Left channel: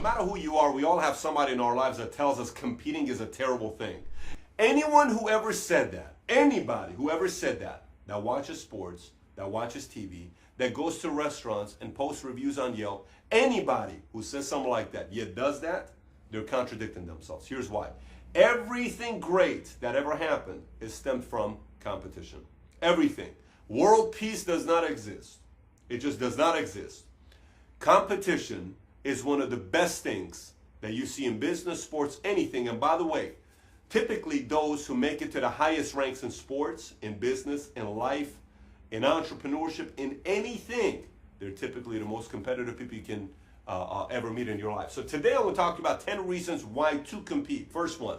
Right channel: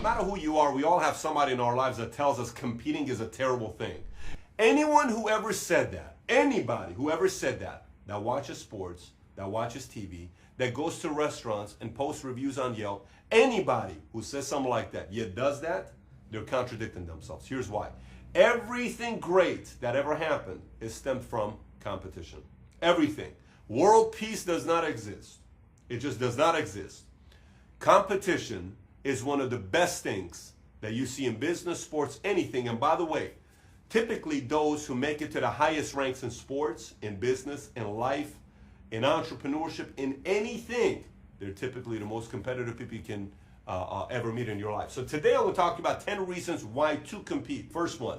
No matter who you are, we all have somebody in our lives that tells us competing is a terrible thing. Anyone who ever said that, anybody who ever said that, that watches sports, that watches TV, that goes to restaurants and posts reviews on Yelp, anybody who says something like that, yet does that, they're contradicting themselves. Here's why. Everything great that ever happened is stemmed from competition. Everything. World peace does not exist. It just does not exist. Competition is one of the best things that you see in business, sports, anything. And by the way, typically those who make it to the highest ranks in sports, in business, in life, in entrepreneurship, in anything, they're typically the most competitive people you can ever meet in your life. So today I'm going to talk about 10 reasons why to compete. First one,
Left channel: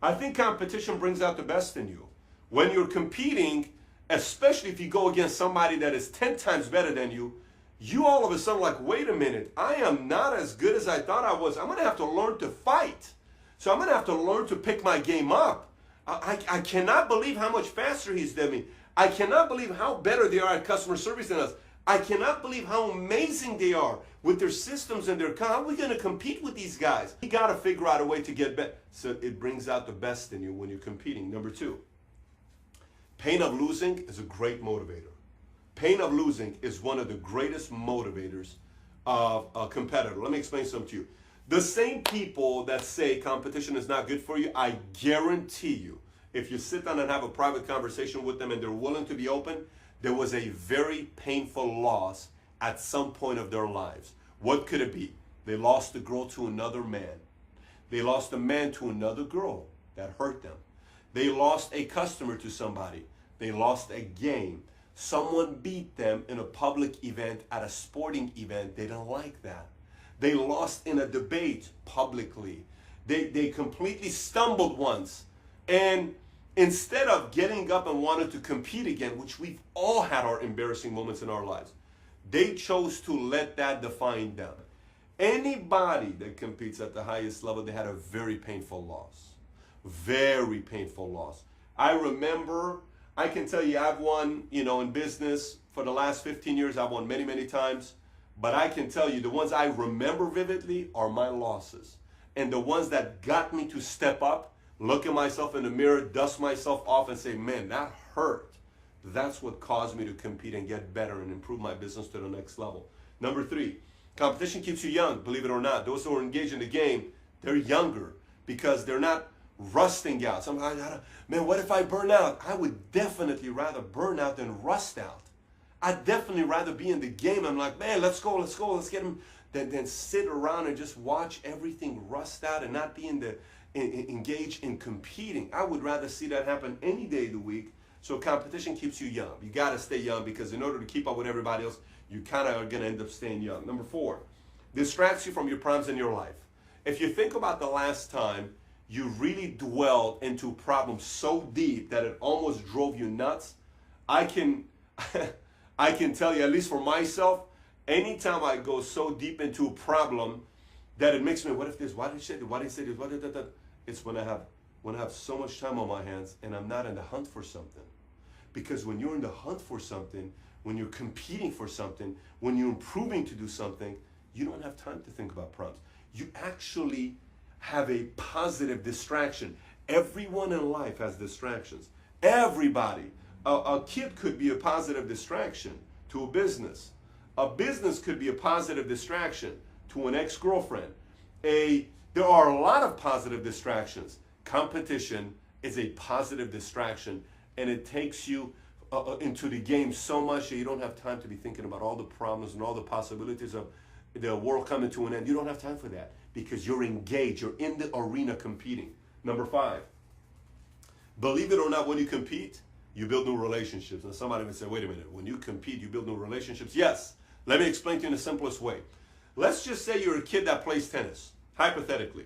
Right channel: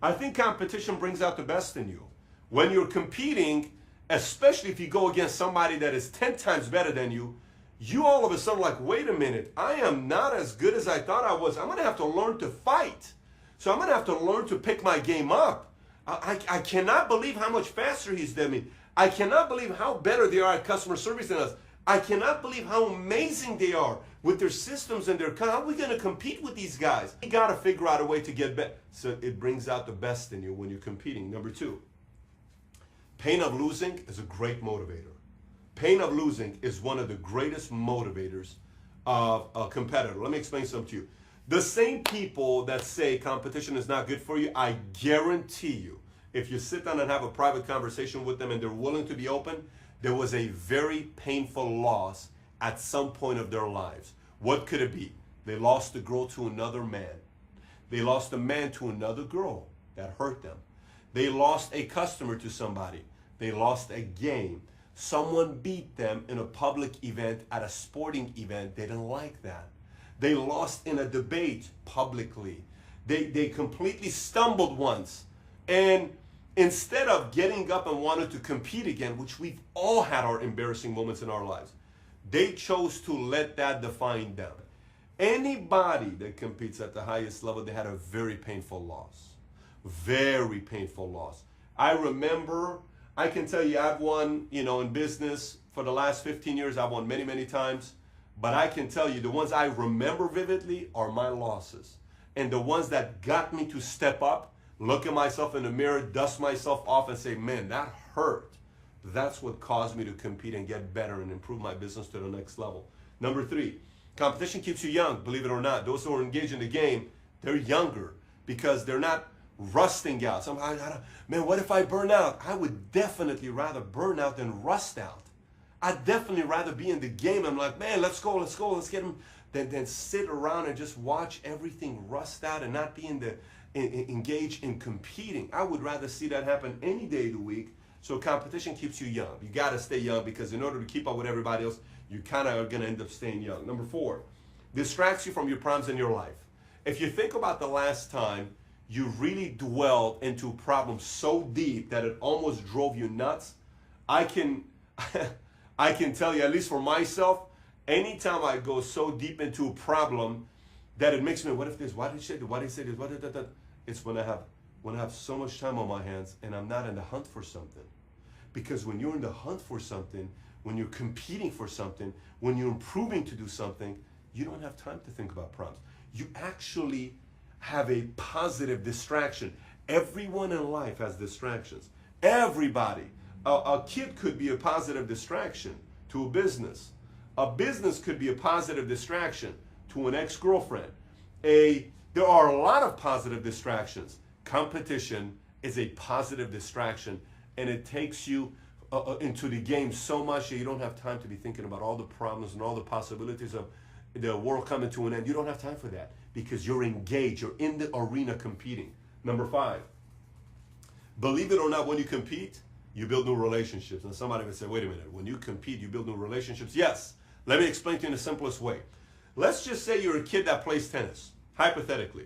I think competition brings out the best in you. When you're competing, especially if you go against somebody that is 10 times better than you, you all of a sudden like, wait a minute, I am not as good as I thought I was. I'm going to have to learn to fight. So I'm going to have to learn to pick my game up. I cannot believe how much faster he's than me. I cannot believe how better they are at customer service than us. I cannot believe how amazing they are with their systems and their, how are we going to compete with these guys? You got to figure out a way to get better. So it brings out the best in you when you're competing. Number two, pain of losing is a great motivator. Pain of losing is one of the greatest motivators of a competitor. Let me explain something to you. The same people that say competition is not good for you, I guarantee you, if you sit down and have a private conversation with them and they're willing to be open, there was a very painful loss at some point of their lives. What could it be? They lost a girl to another man. They lost a man to another girl that hurt them. They lost a customer to somebody. They lost a game. Someone beat them in a public event, at a sporting event. They didn't like that. They lost in a debate publicly. They completely stumbled once. And instead of getting up and wanting to compete again, which we've all had our embarrassing moments in our lives, they chose to let that define them. Anybody that competes at the highest level, they had a very painful loss. Very painful loss. I remember, I can tell you I've won, in business for the last 15 years, I've won many, many times. But I can tell you the ones I remember vividly are my losses. And the ones that got me to step up, look at myself in the mirror, dust myself off and say, man, that hurt. That's what caused me to compete and get better and improve my business to the next level. Number three, competition keeps you young, believe it or not. Those who are engaged in the game, they're younger because they're not rusting out. Man, what if I burn out? I would definitely rather burn out than rust out. I'd definitely rather be in the game. I'm like, man, let's go, let's get them. Than sit around and just watch everything rust out and not be engaged in competing. I would rather see that happen any day of the week. So competition keeps you young. You got to stay young because in order to keep up with everybody else, you kind of are going to end up staying young. Number four, distracts you from your problems in your life. If you think about the last time you really dwelled into problems so deep that it almost drove you nuts, I can tell you, at least for myself, anytime I go so deep into a problem that it makes me, what if this, why did she say this, why did he say this, what did that, it's when I have so much time on my hands and I'm not in the hunt for something. Because when you're in the hunt for something, when you're competing for something, when you're improving to do something, you don't have time to think about problems. You actually have a positive distraction. Everyone in life has distractions. Everybody. A kid could be a positive distraction to a business. A business could be a positive distraction to an ex-girlfriend. There are a lot of positive distractions. Competition is a positive distraction, and it takes you into the game so much that you don't have time to be thinking about all the problems and all the possibilities of the world coming to an end. You don't have time for that because you're engaged. You're in the arena competing. Number five, believe it or not, when you compete, you build new relationships. And somebody would say, wait a minute, when you compete, you build new relationships? Yes. Let me explain to you in the simplest way. Let's just say you're a kid that plays tennis, hypothetically.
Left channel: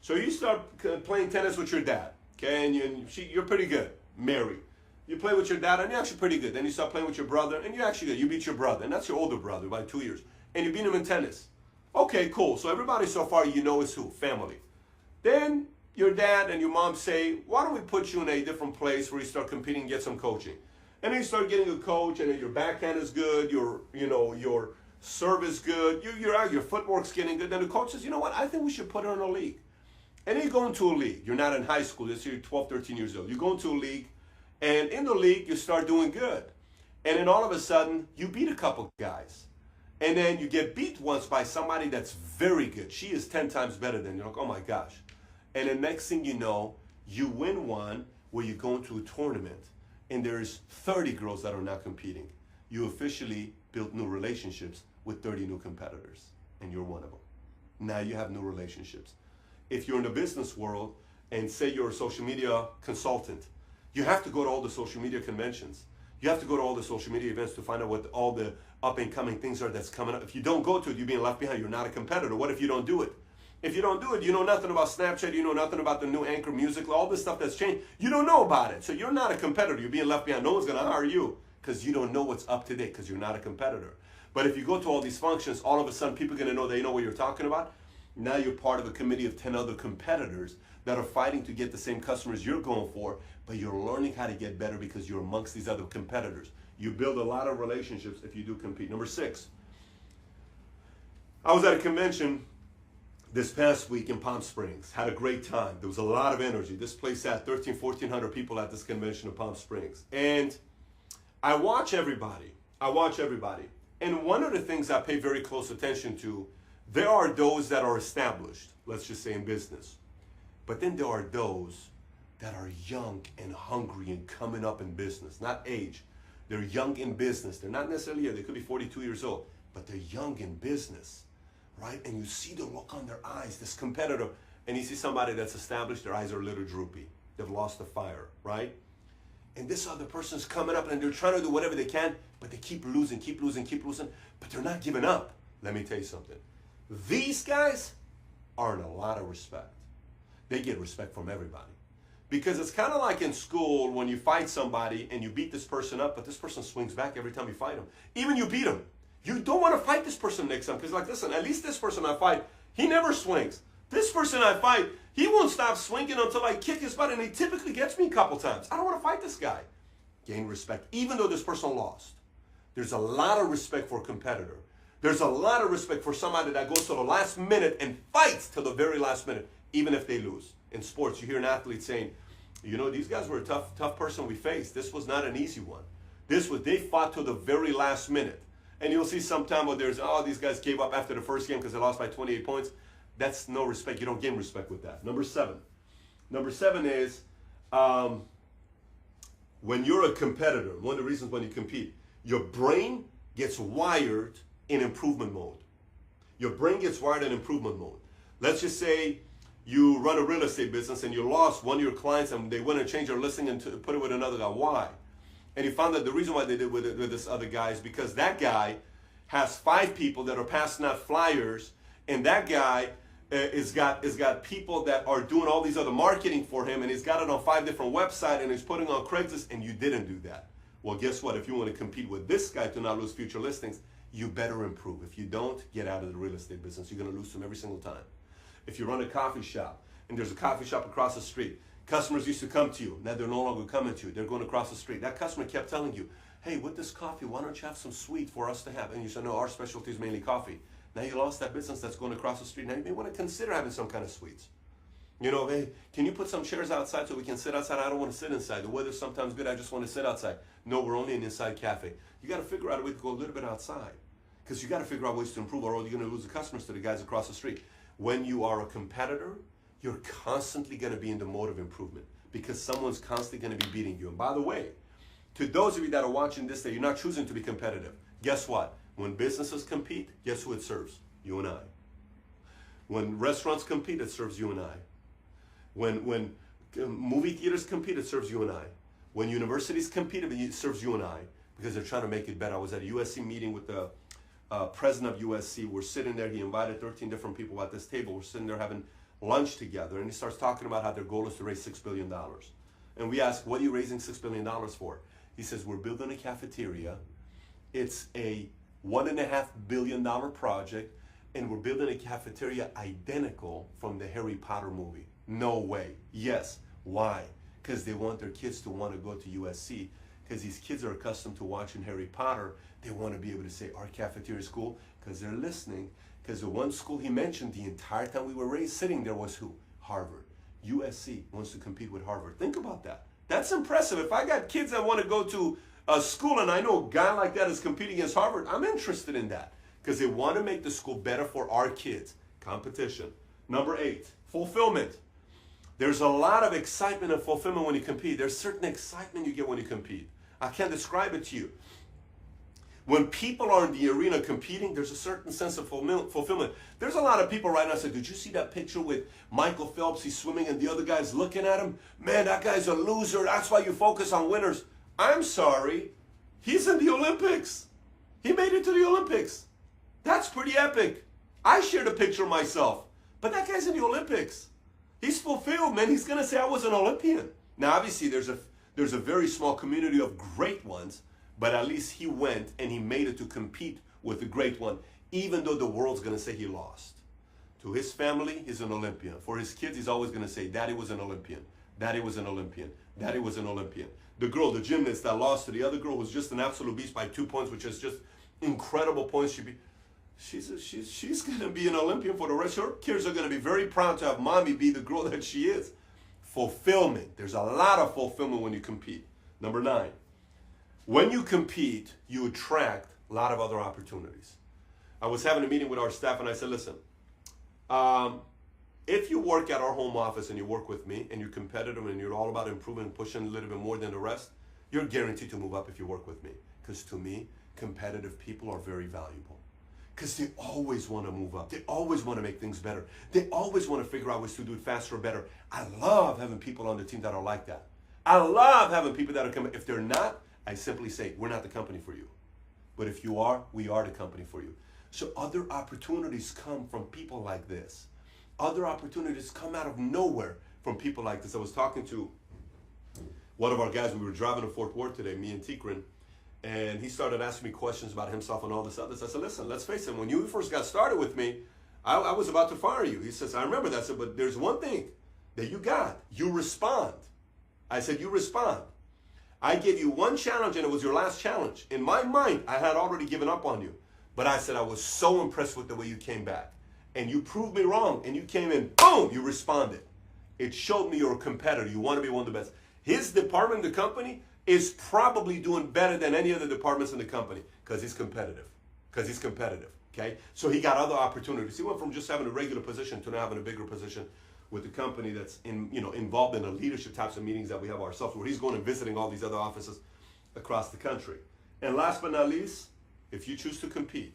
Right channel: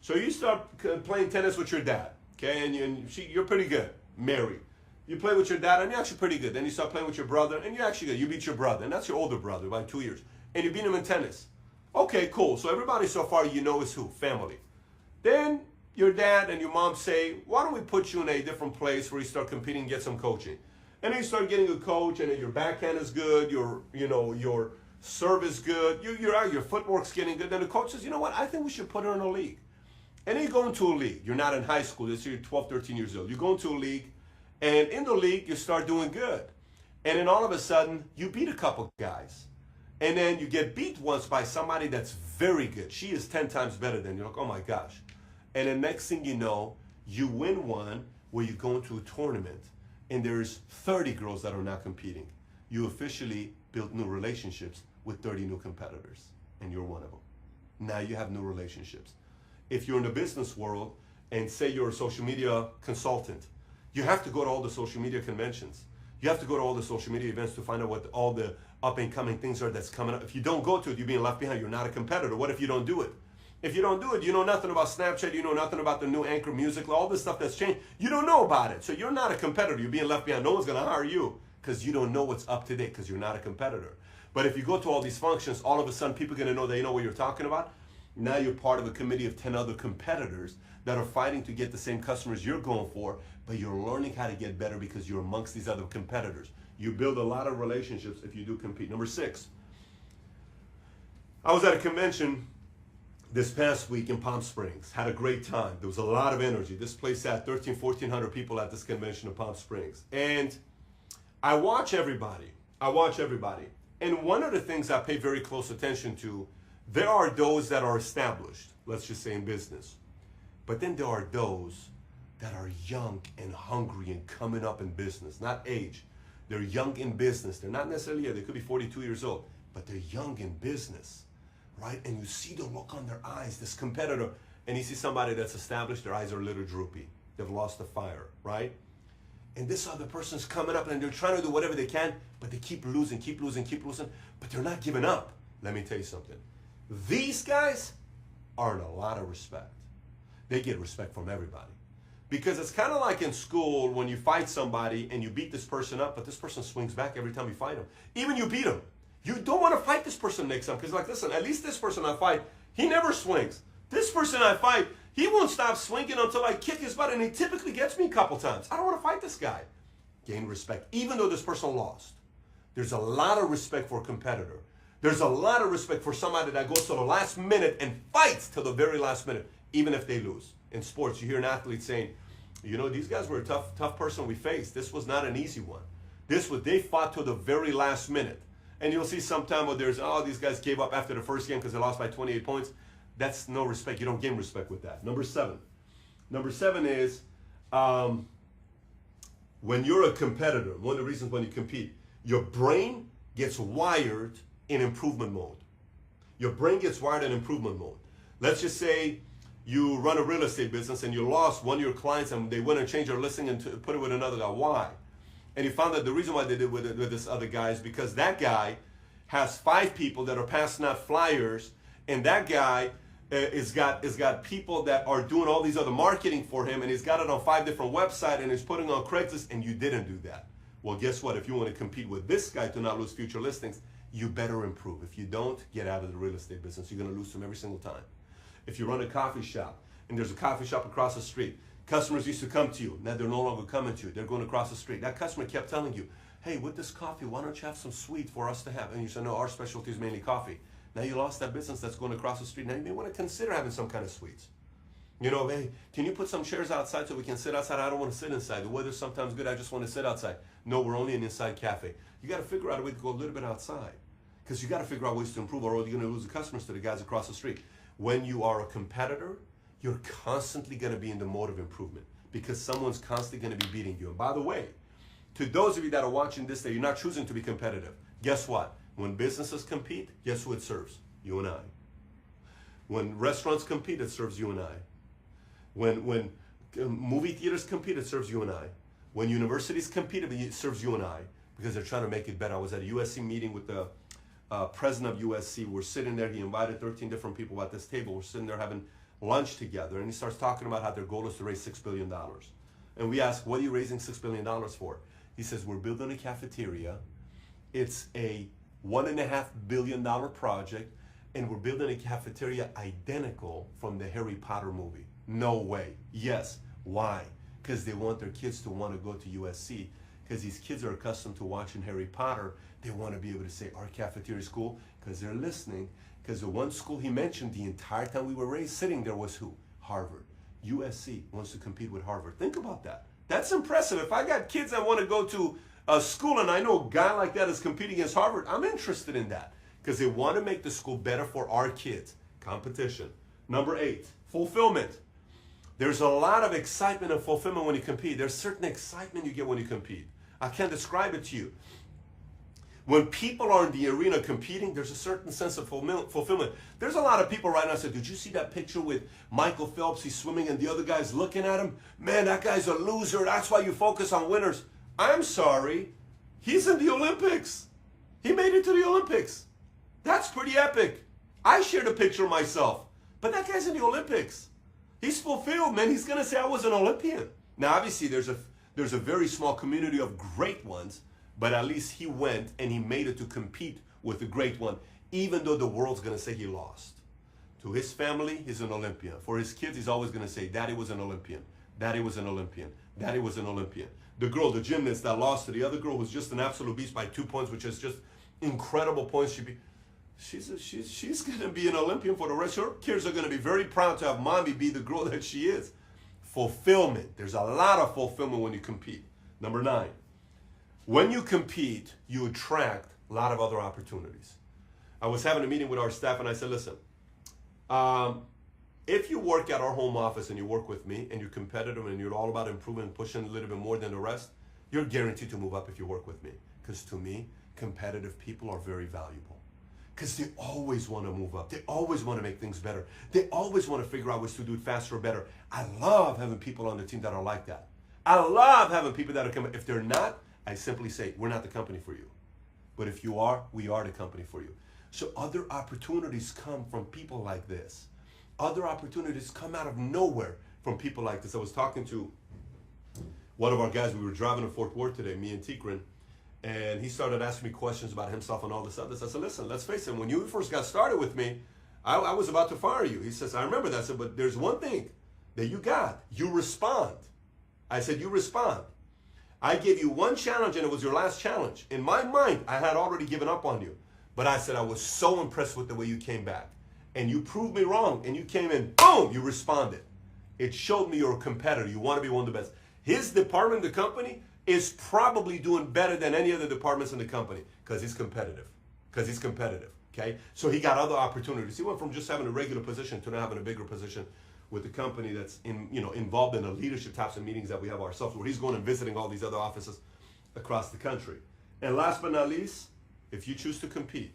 So you start playing tennis with your dad, okay, and you're pretty good, married. You play with your dad, and you're actually pretty good. Then you start playing with your brother, and you're actually good. You beat your brother, and that's your older brother by 2 years. And you beat him in tennis. Okay, cool. So everybody so far you know is who? Family. Then your dad and your mom say, why don't we put you in a different place where you start competing and get some coaching? And then you start getting a coach, and then your backhand is good, your service good, you're out, your footwork's getting good. Then the coach says, you know what, I think we should put her in a league. And then you go into a league. You're not in high school. This year you're 12, 13 years old. You go into a league, and in the league, you start doing good. And then all of a sudden, you beat a couple guys. And then you get beat once by somebody that's very good. She is 10 times better than you. You're like, oh my gosh. And then next thing you know, you win one where you go into a tournament, and there's 30 girls that are now competing. You officially built new relationships with 30 new competitors, and you're one of them. Now you have new relationships. If you're in the business world and say you're a social media consultant, you have to go to all the social media conventions. You have to go to all the social media events to find out what all the up and coming things are that's coming up. If you don't go to it, you're being left behind. You're not a competitor. What if you don't do it? If you don't do it, you know nothing about Snapchat. You know nothing about the new Anchor Music, all this stuff that's changed. You don't know about it. So you're not a competitor. You're being left behind. No one's going to hire you because you don't know what's up to date because you're not a competitor. But if you go to all these functions, all of a sudden people are going to know they know what you're talking about. Now you're part of a committee of 10 other competitors that are fighting to get the same customers you're going for, but you're learning how to get better because you're amongst these other competitors. You build a lot of relationships if you do compete. Number 6, I was at a convention this past week in Palm Springs. Had a great time. There was a lot of energy. This place had 1,400 people at this convention in Palm Springs. And I watch everybody. And one of the things I pay very close attention to, there are those that are established, let's just say in business. But then there are those that are young and hungry and coming up in business, not age. They're young in business. They're not necessarily, they could be 42 years old, but they're young in business, right? And you see the look on their eyes, this competitor, and you see somebody that's established, their eyes are a little droopy. They've lost the fire, right? And this other person's coming up and they're trying to do whatever they can, but they keep losing, but they're not giving up. Let me tell you something. These guys earn a lot of respect. They get respect from everybody. Because it's kind of like in school when you fight somebody and you beat this person up, but this person swings back every time you fight him. Even you beat him. You don't want to fight this person next time because, like, listen, at least this person I fight, he never swings. This person I fight, he won't stop swinging until I kick his butt, and he typically gets me a couple times. I don't want to fight this guy. Gain respect, even though this person lost. There's a lot of respect for a competitor. There's a lot of respect for somebody that goes to the last minute and fights till the very last minute, even if they lose. In sports, you hear an athlete saying, you know, these guys were a tough person we faced. This was not an easy one. They fought till the very last minute. And you'll see sometime where there's, these guys gave up after the first game because they lost by 28 points. That's no respect. You don't gain respect with that. Number 7. Number 7 is when you're a competitor, one of the reasons when you compete, your brain gets wired in improvement mode. Your brain gets wired in improvement mode. Let's just say you run a real estate business and you lost one of your clients and they went and changed their listing and put it with another guy. Why? And you found that the reason why they did with this other guy is because that guy has 5 people that are passing out flyers, and that guy is got people that are doing all these other marketing for him, and he's got it on 5 different websites, and he's putting on Craigslist, and you didn't do that. Well, guess what? If you want to compete with this guy to not lose future listings, you better improve. If you don't, get out of the real estate business. You're going to lose them every single time. If you run a coffee shop, and there's a coffee shop across the street, customers used to come to you. Now they're no longer coming to you. They're going across the street. That customer kept telling you, hey, with this coffee, why don't you have some sweet for us to have? And you said, no, our specialty is mainly coffee. Now you lost that business that's going across the street. Now you may want to consider having some kind of sweets. You know, hey, can you put some chairs outside so we can sit outside? I don't want to sit inside. The weather's sometimes good. I just want to sit outside. No, we're only an inside cafe. You got to figure out a way to go a little bit outside because you got to figure out ways to improve, or you're going to lose the customers to the guys across the street. When you are a competitor, you're constantly going to be in the mode of improvement because someone's constantly going to be beating you. And by the way, to those of you that are watching this, that you're not choosing to be competitive, guess what? When businesses compete, guess who it serves? You and I. When restaurants compete, it serves you and I. When movie theaters compete, it serves you and I. When universities compete, it serves you and I because they're trying to make it better. I was at a USC meeting with the president of USC. We're sitting there. He invited 13 different people at this table. We're sitting there having lunch together, and he starts talking about how their goal is to raise $6 billion. And we ask, what are you raising $6 billion for? He says, we're building a cafeteria. It's a $1.5 billion project, and we're building a cafeteria identical from the Harry Potter movie. No way. Yes. Why? Because they want their kids to want to go to USC because these kids are accustomed to watching Harry Potter. They want to be able to say our cafeteria is cool because they're listening. Because the one school he mentioned the entire time we were raised sitting there was who? Harvard. USC wants to compete with Harvard. Think about that. That's impressive. If I got kids that want to go to a school and I know a guy like that is competing against Harvard, I'm interested in that because they want to make the school better for our kids. Competition. Number 8, fulfillment. There's a lot of excitement and fulfillment when you compete. There's certain excitement you get when you compete. I can't describe it to you. When people are in the arena competing, there's a certain sense of fulfillment. There's a lot of people right now say, did you see that picture with Michael Phelps? He's swimming and the other guy's looking at him. Man, that guy's a loser. That's why you focus on winners. I'm sorry. He's in the Olympics. He made it to the Olympics. That's pretty epic. I shared a picture of myself. But that guy's in the Olympics. He's fulfilled, man. He's going to say I was an Olympian. Now, obviously, there's a very small community of great ones. But at least he went and he made it to compete with the great one, even though the world's going to say he lost. To his family, he's an Olympian. For his kids, he's always going to say, Daddy was an Olympian. Daddy was an Olympian. Daddy was an Olympian. The girl, the gymnast that lost to the other girl who's just an absolute beast by 2 points, which is just incredible points. She's going to be an Olympian for the rest. Her kids are going to be very proud to have mommy be the girl that she is. Fulfillment. There's a lot of fulfillment when you compete. Number 9. When you compete, you attract a lot of other opportunities. I was having a meeting with our staff and I said, listen, if you work at our home office and you work with me and you're competitive and you're all about improving and pushing a little bit more than the rest, you're guaranteed to move up if you work with me. Because to me, competitive people are very valuable. Because they always want to move up. They always want to make things better. They always want to figure out ways to do it faster or better. I love having people on the team that are like that. I love having people that are coming. If they're not, I simply say, we're not the company for you. But if you are, we are the company for you. So other opportunities come from people like this. Other opportunities come out of nowhere from people like this. I was talking to one of our guys. We were driving to Fort Worth today, me and Tikran, and he started asking me questions about himself and all this other. I said, listen, let's face it, when you first got started with me, I was about to fire you. He says, I remember that. I said, but there's one thing that you got. You respond. I said, you respond. I gave you one challenge and it was your last challenge. In my mind, I had already given up on you. But I said I was so impressed with the way you came back. And you proved me wrong. And you came in, boom, you responded. It showed me you're a competitor. You want to be one of the best. His department, the company, is probably doing better than any other departments in the company because he's competitive. Okay? So he got other opportunities. He went from just having a regular position to now having a bigger position with the company that's involved in the leadership types of meetings that we have ourselves, where he's going and visiting all these other offices across the country. And last but not least, if you choose to compete,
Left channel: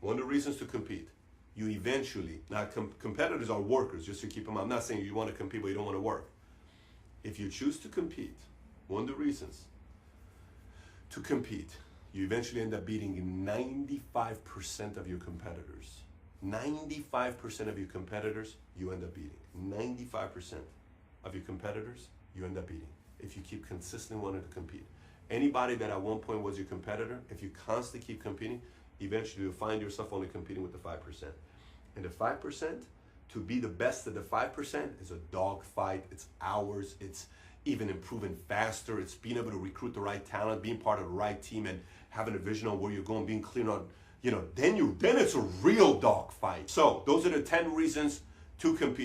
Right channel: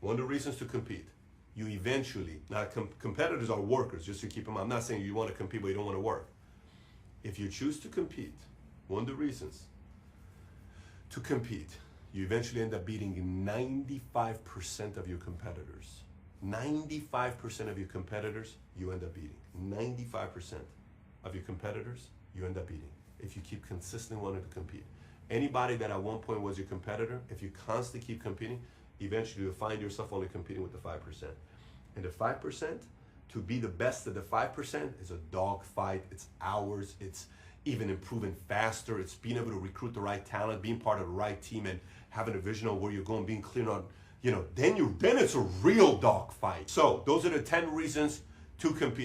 one of the reasons to compete, you eventually, now competitors are workers, just to keep them, I'm not saying you want to compete but you don't want to work. If you choose to compete, one of the reasons to compete, you eventually end up beating 95% of your competitors. 95% of your competitors, you end up beating. 95% of your competitors, you end up beating. If you keep consistently wanting to compete. Anybody that at one point was your competitor, if you constantly keep competing, eventually you'll find yourself only competing with the 5%. And the 5%, to be the best of the 5% is a dog fight. It's hours. It's even improving faster. It's being able to recruit the right talent, being part of the right team, and having a vision of where you're going, being clear on, then it's a real dog fight. So those are the 10 reasons to compete.